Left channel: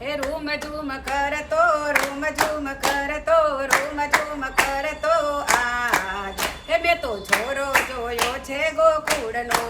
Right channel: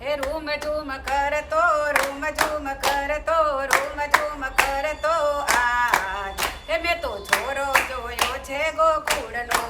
હે room zoom કરતો room zoom કરતો રૂમ ઝૂમ કરતો આજ હે મેં તો છોરો જોયો છે ગોકુળનો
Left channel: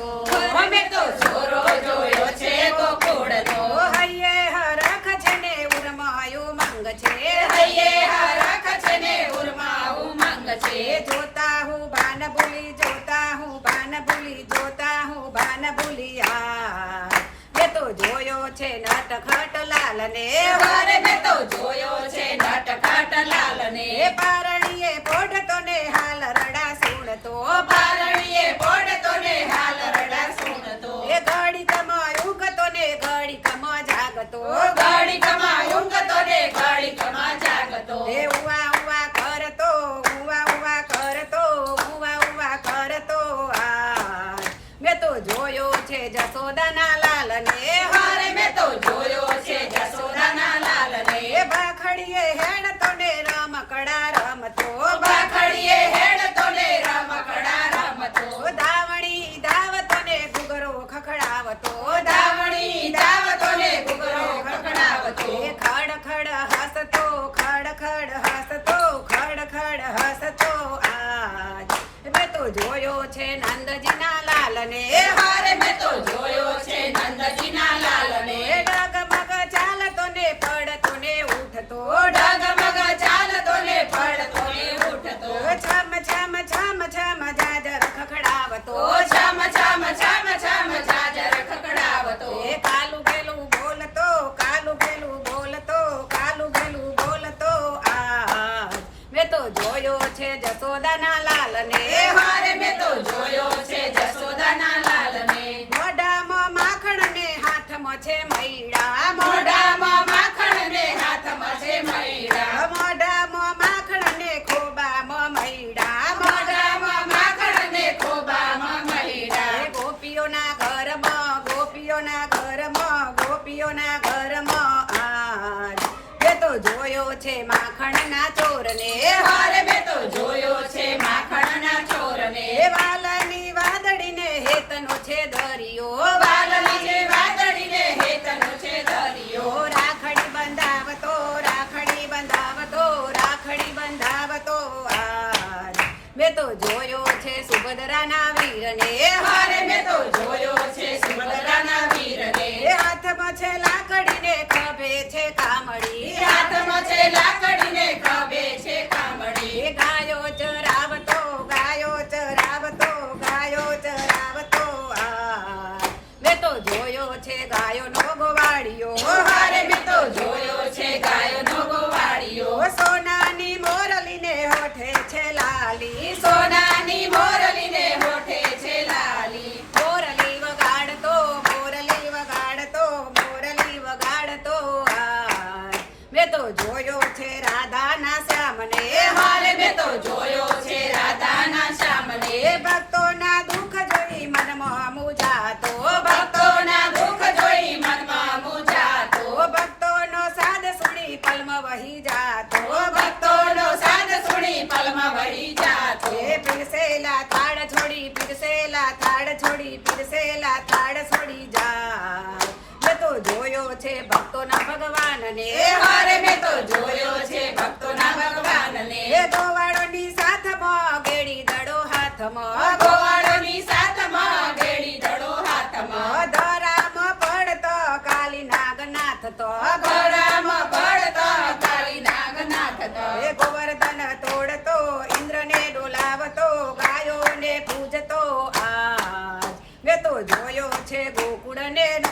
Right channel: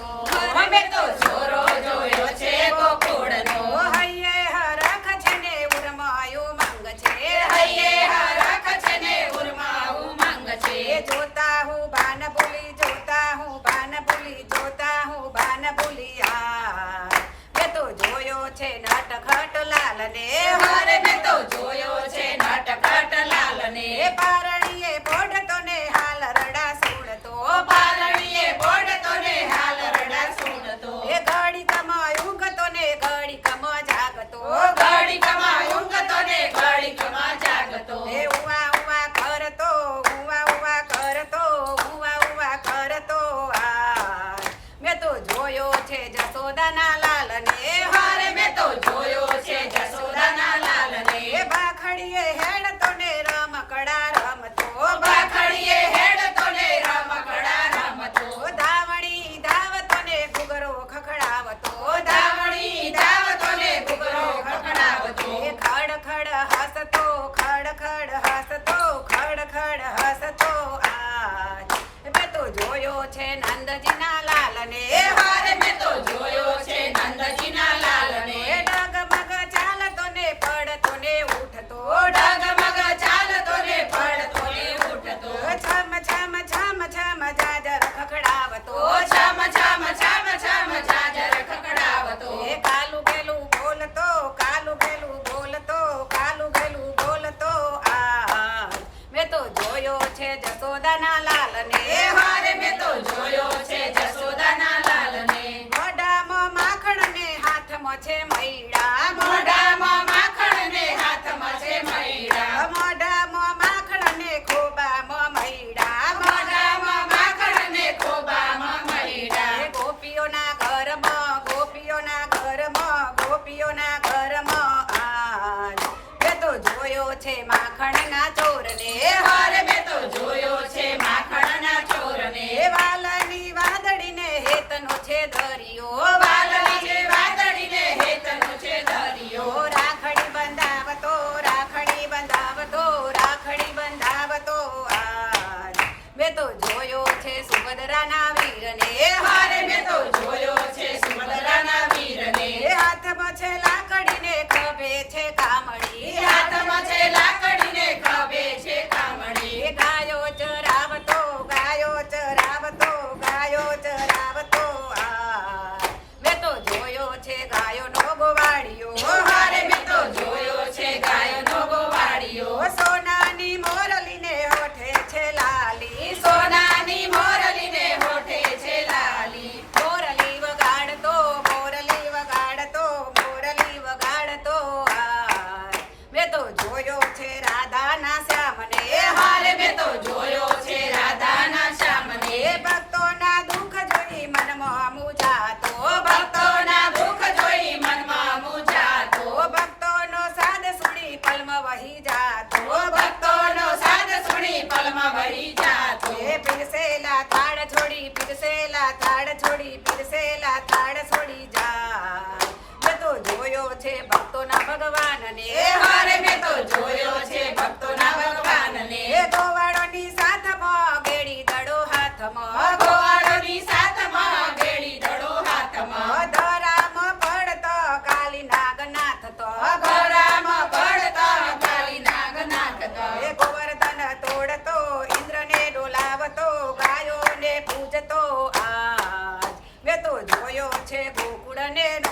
મેં તો છોરો જોયો છે ગોકુળનો હૈયે હરખ છે ને ઉરમાયું મંગ છે હૈયે હરખ છે ને ઉરમાયું મંગ છે જોતા હું ભાન ભૂલી જોતા હું ભાન ભૂલી જોતા હું ભાન ભૂલી આ મેં તો જોયો છે નટખટ લાલ ને વારે મેં તો જોયો છે નટખટ લાલ ને પારણીએ પોઢતો ને હાલ રડા સુણતો પારણીએ પોઢતો ને હાલ રડા સુણતો એ ઘડી કમાયું ગતો ને ઘડી કમા જાગતો ઘડી કમાયું ગતો ને ઘડી કમા જાગતો એ ઉવા ઉવા કરતો ઉવા ઉવા કરતો ઉવા ઉવા કરતો આ મેં તો જોયો છે જસોદાના લાલ ને વારે મેં તો જોયો છે જસોદાના લાલ ને બાખડીએ હેડતો ને રમકડા રમતો બાખડીએ હેડતો ને રમકડા રમતો ધાવણી ધાવતો ને ઘૂઘરો ખખડાવતો ધાવણી ધાવતો ને ઘૂઘરો ખખડાવતો ખડ ખડ હસતો ખડ ખડ હસતો ખડ ખડ હસતો આજ મેં તો જોયો છે નંદજીના લાલ ને વારે મેં તો જોયો છે નંદજીના લાલ ને ડગમગ ચાલતો ને પડતો ને ઉઠતો ડગમગ ચાલતો ને પડતો ને ઉઠતો છમ છમ છમ છમ જાજર ખખડાવતો છમ છમ છમ છમ જાજર ખખડાવતો એ કાલું ગેલું બોલતો કાલું ગેલું બોલતો કાલું ગેલું બોલતો આ મેં તો જોયો છે જસોદાના લાલ ને વારે મેં તો જોયો છે જસોદાના લાલ ને મોઢામાં માખણ ને હાથમાં છે મૈડા મોઢામાં માખણ ને હાથમાં છે મૈડા મોઢામાં માખણ ને ખોબામાં મૈડા મોઢામાં માખણ ને ખોબામાં મૈડા ગોપીઓના ઘરમાં ગોપીઓના ઘરમાં ગોપીઓના ઘરમાં આજ મેં તો જોયો છે માખણના ચોરને વારે મેં તો જોયો છે માખણના ચોરને વાલની વાદળીને હેતનો છે દરિયો વાલની વાદળીને હેતનો છે દરિયો રાખડી બંધાવતો રાખડી બંધાવતો રાખડી બંધાવતો આજ મેં તો જોયો છે સુભદ્રાના વીરને વારે મેં તો જોયો છે સુભદ્રાના વીરને હાથમાં છે લાકડીને ખભે છે કામડી હાથમાં છે લાકડીને ખભે છે કામડી ગાયો ચરાવતો ગાયો ચરાવતો ગાયો ચરાવતો આ મેં તો જોયો છે ગાયોનો ગોવાળિયો વારે મેં તો જોયો છે ગાયોનો ગોવાળિયો સોનાની મોરલીને હોઠે છે લાલી સોનાની મોરલીને હોઠે છે લાલી મોરલી વગાડતો મોરલી વગાડતો મોરલી વગાડતો આ મેં તો જોયો છે રાધાના શ્યામને વારે મેં તો જોયો છે રાધાના શ્યામને ભક્તોના દુઃખ જોઈ મનમાં મૂંઝાતો ભક્તોના દુઃખ જોઈ મનમાં મૂંઝાતો ભક્તોનો સાદ સુણી પલમાં વહી જાતો ભક્તોનો સાદ સુણી પલમાં વહી જાતો પીરસેલા થાળ છોડી પીરસેલા થાળ છોડી પીરસેલા થાળ છોડી જા મેં તો જોયો છે ભક્તોના ભગવાનને વારે મેં તો જોયો છે ભક્તોના ભગવાનને ગોવાળોની સાથમાં ગેડી દડો હાથમાં ગોવાળોની સાથમાં ગેડી દડો હાથમાં ધરામાં પડતો કાલી નાગનાથ તો ગોરામાં પડતો કાળી નાગનાથ તો ગોવર્ધન તોડતો ઇન્દ્રને ડોલાવતો ગાયોને પૂજતો આજ મેં તો જોયો છે ગોકુળને મેં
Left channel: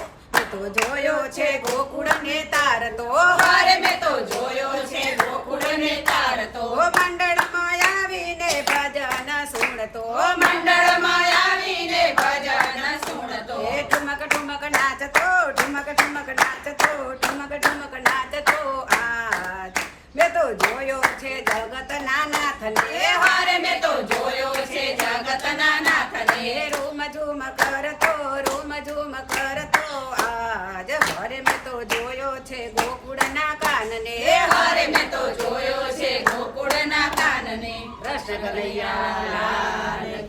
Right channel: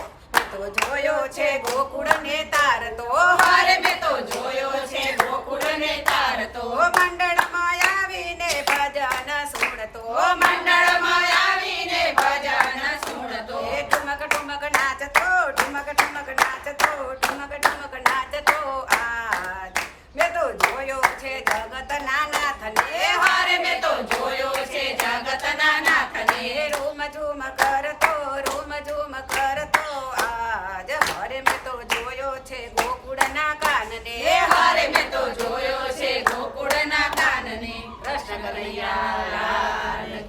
તો જોયો છે ગોકુળને તારતો વારે મેં તો જોયો છે ગોકુળને તારતો મંડળમાં આવીને ભજન સુણતો મંડળમાં આવીને ભજન સુણતો ઠુમક ઠુમક નાચતો ઠુમક ઠુમક નાચતો ઠુમક ઠુમક નાચતો આજ મેં તો જોયો છે જગતના નાથને વારે મેં તો જોયો છે જગતના નાથને રૂમ ઝૂમ કરતો રૂમ ઝૂમ કરતો આજ ઘરે મેં તો જોયો છે ગોકુળના કાનને વારે મેં તો જોયો છે ગોકુળના કાનને કૃષ્ણ કનૈયા લાલ